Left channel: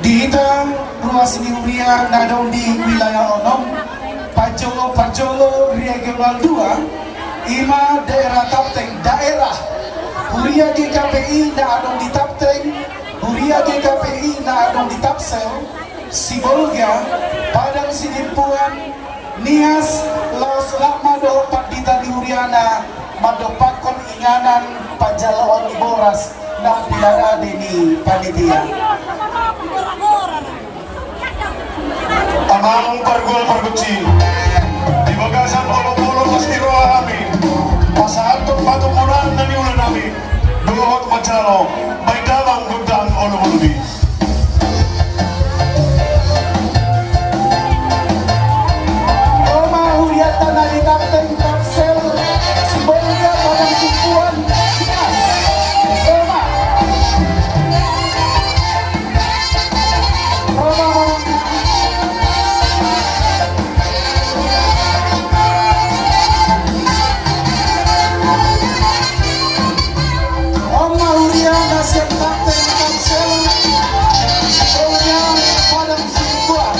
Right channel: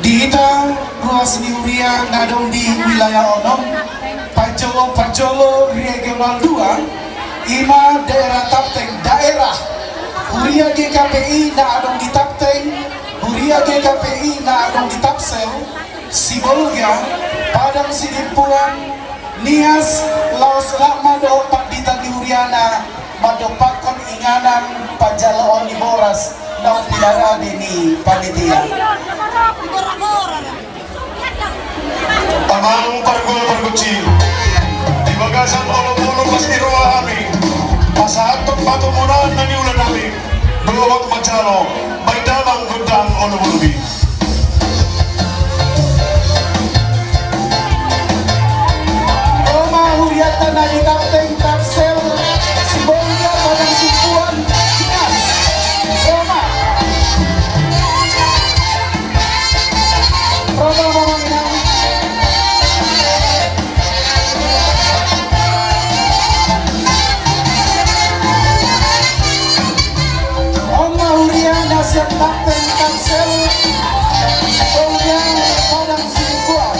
Di itang ruas Niuria nadong di wilayah Onom, Pajolo Perjolo Regional 2, Ima daerah Tapteng daerah Huria GKPI na adong di Tapteng, Huria GKPI na adong di Tapsel, Sibolga, Padang Sidimpuan, Nias, Laos Lakmado, Pandita Niuriana, Madopakon Inganan, Pajala Oniboras, na pinara ni panitia. Tangang targol perguci di bagasan olong-olong pasti rohani pasahan pagpatumunan na niulan namin berurut macalo may damang gundang olong-olong Roma Huriata na di Tapteng Tapsel, Sibolga, Padang Simpuan, Nias, Roma Mamang Roma Huriana siap Tapteng Tapsel, Sibolga, Padang Simpuan.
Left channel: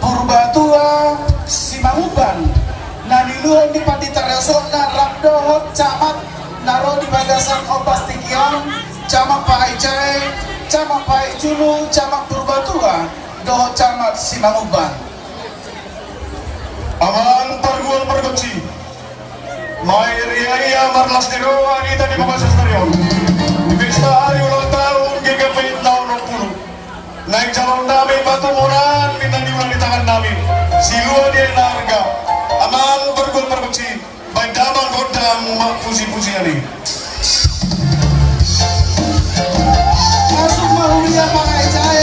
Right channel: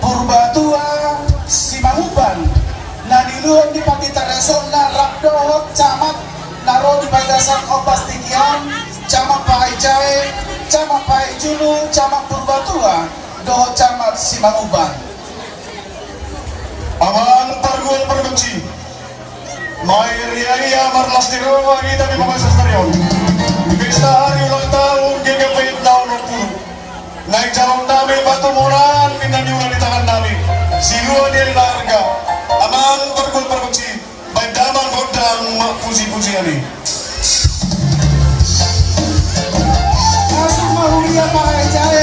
Purbatua, Simanguban, na niluhon di Pandita Sunda Rabdohot Camat Naro di Bagasan Obas Tikion Camat Pai Cai Camat Pai Julu Camat Purbatua Dohot Camat Simanguban. Aman pargul perbenci Mai ria marlas di roa kita di Bagasas Stadion. Pesta hari ulang tahun GGP tahun 20. Naik calon kami batu moran pindah diulang di tangan kami. Silua dia harga. Aman pargul perbenci. Baik damang hodang puji-puji hari. Masuk mahulia Pai Cai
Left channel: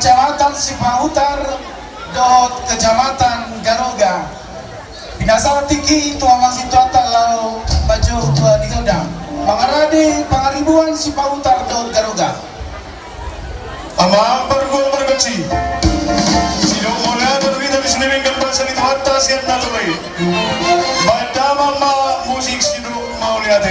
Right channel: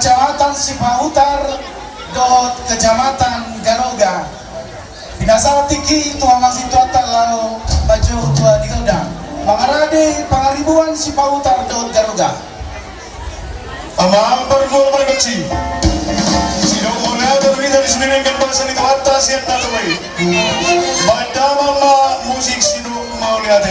Kecamatan Sipahutar Dohot Kecamatan Garoga Binasa Tiki Tuamang Situatan Lau Baju Tua Dilda Mangarade Pangaribuan Sipahutar Dohot Garoga Amang pargul perbenci Sidong mulia terwida di sini gambar seni atas yang naturai Baca mama musik sidong mau lihat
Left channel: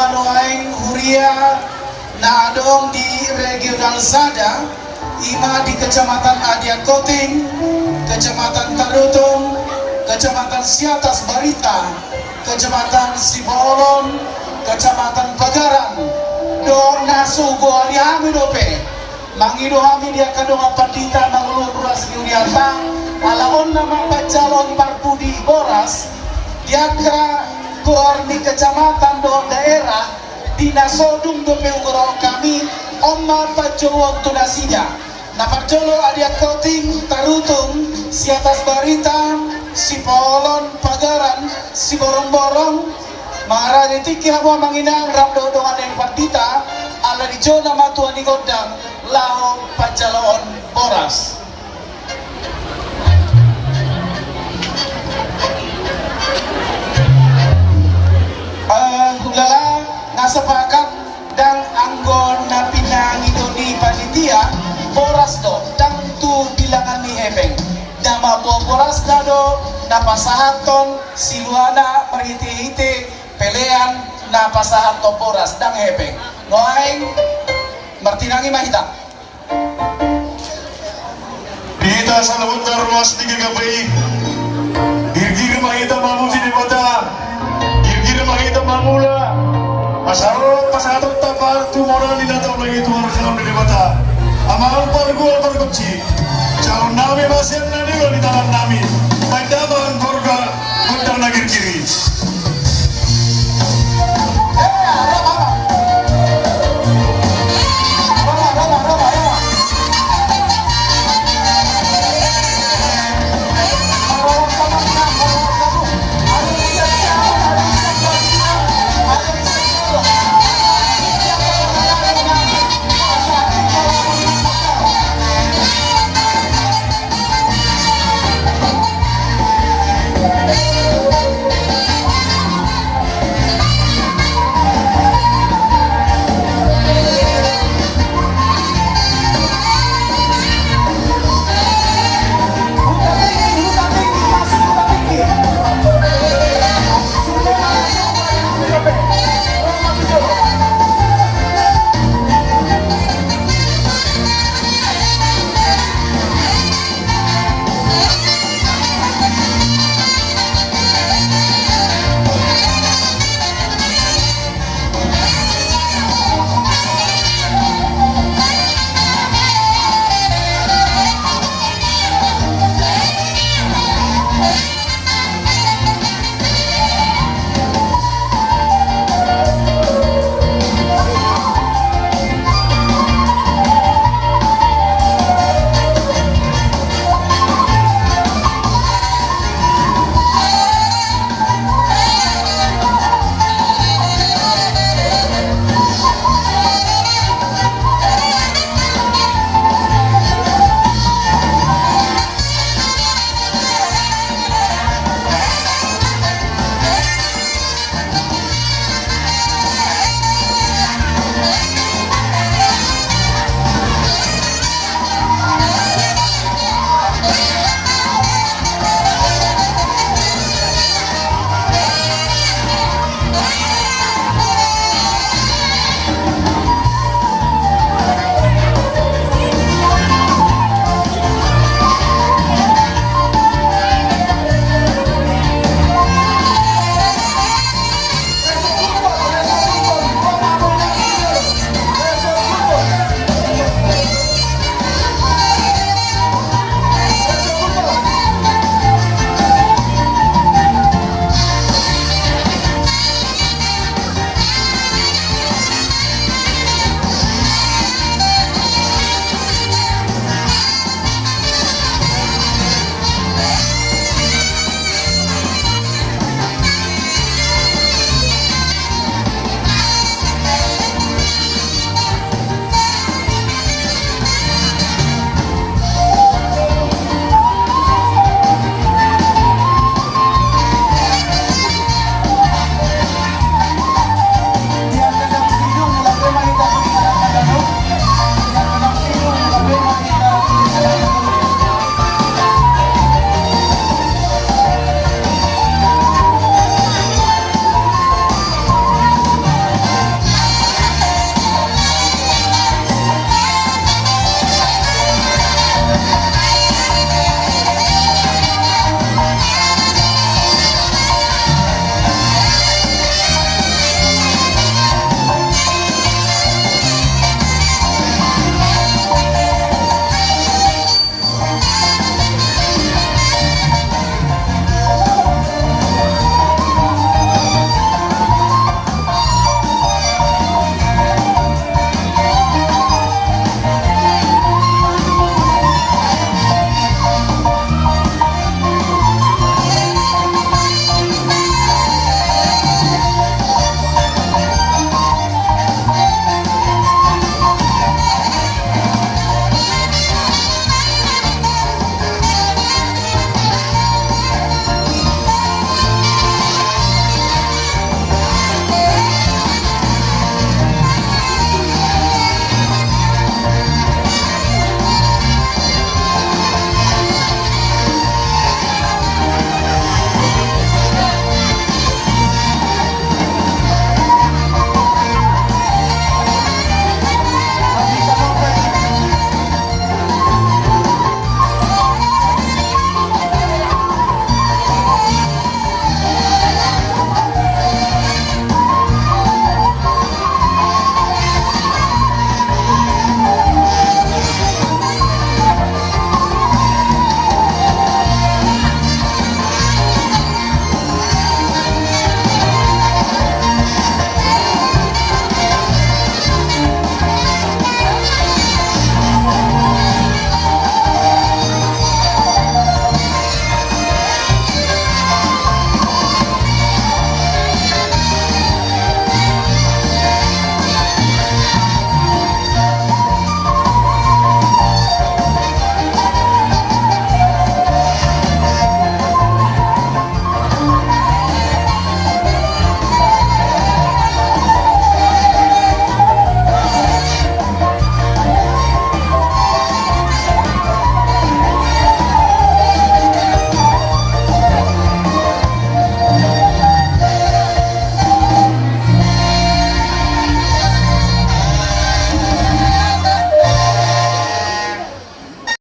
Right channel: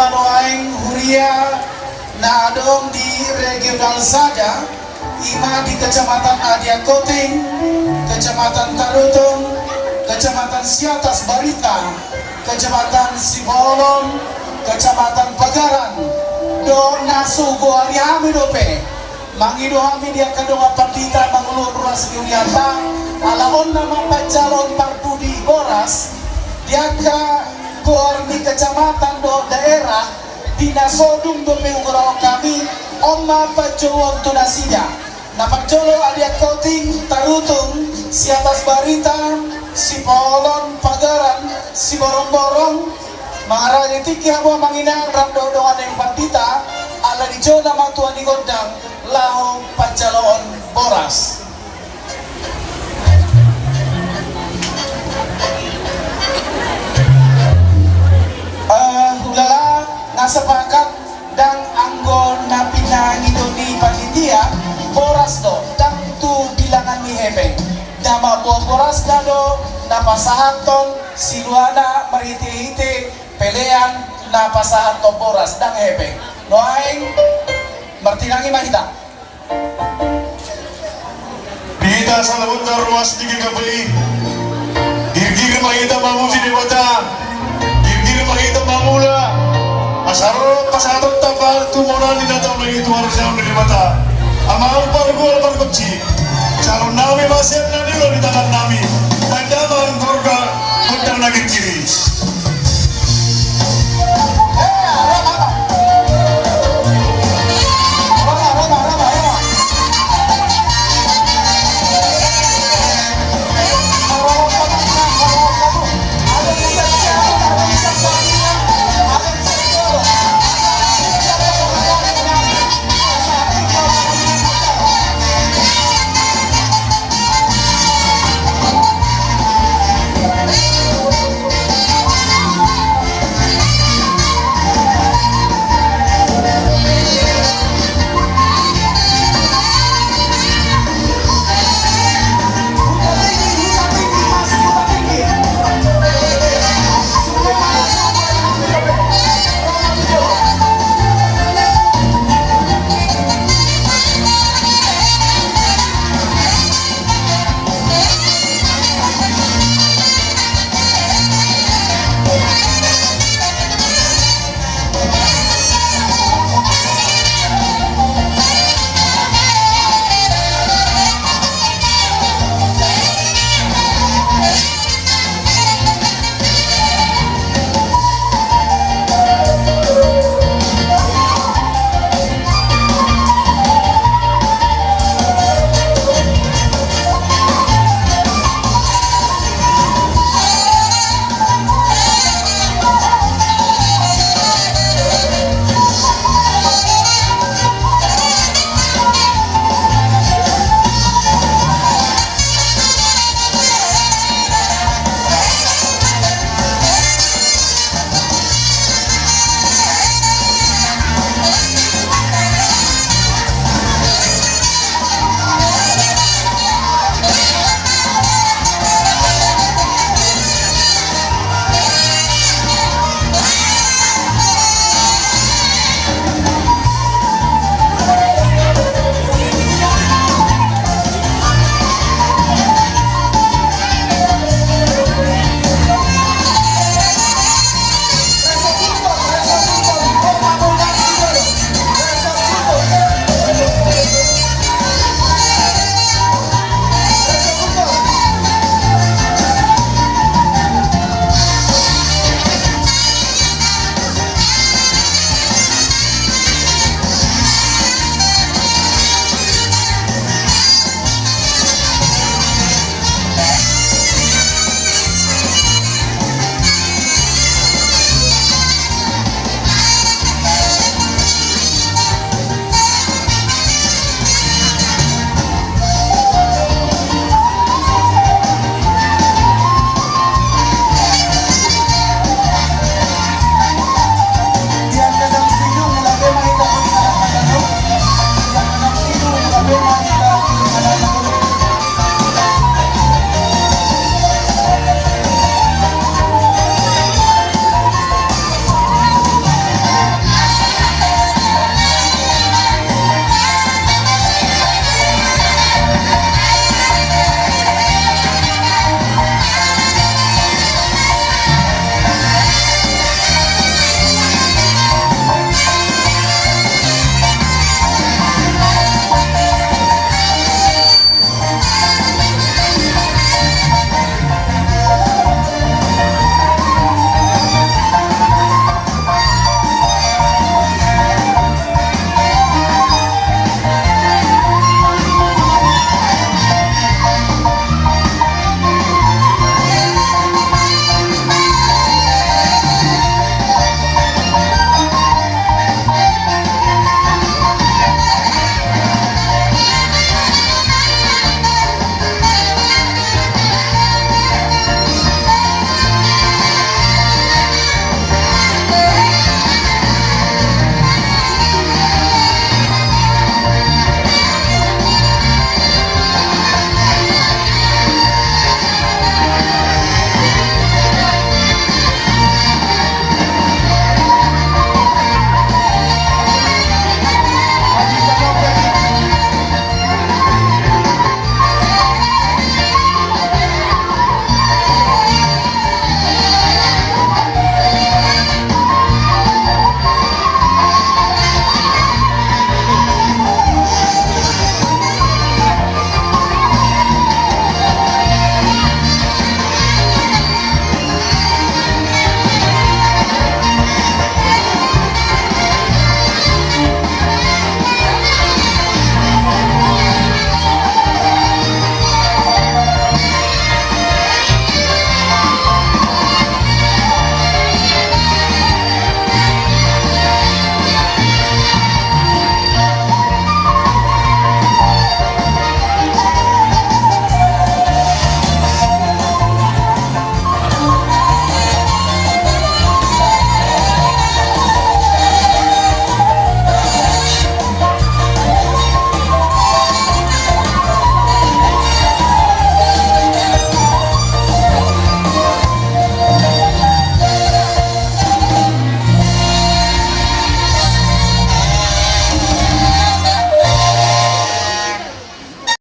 manoaing huria na adong di regional Sada, ima di Kecamatan Adiak Koting, Kecamatan Tarutong, Kecamatan Siatas Barita, Kecamatan Sibolon, Kecamatan Pagaran, do nasugo aliami dope, mangido kami dia kadong apandita mangulur ruas Yuyatang, alaon nama pacalon parpudi boras, dia ka gor di kecamatan do daerah, dinasodung dope ugro kami, omma pacowon tunasida, napacolo Adiak Koting, Tarutong, Siatas Barita, Sipolon, Pagaran, Siborong-borong, Maharaja tiki habo manginang ramdo dongan yang pandita, ala di jona matuan di gondang, lahong pacaloon boras. Hulala ngasepakat dan anggon na pinangido ni panitia, boras do, dang tu bilangan ni hebeng. Nama buah boras dado na pasahaton siluana merhiti-hiti pelean na pasahaton boras dang hebeng noaing martinangi mahita Kita sa lawat na ruwas ni Gagabay, girgir makita mamusi ni Bata, girgir makita mamula,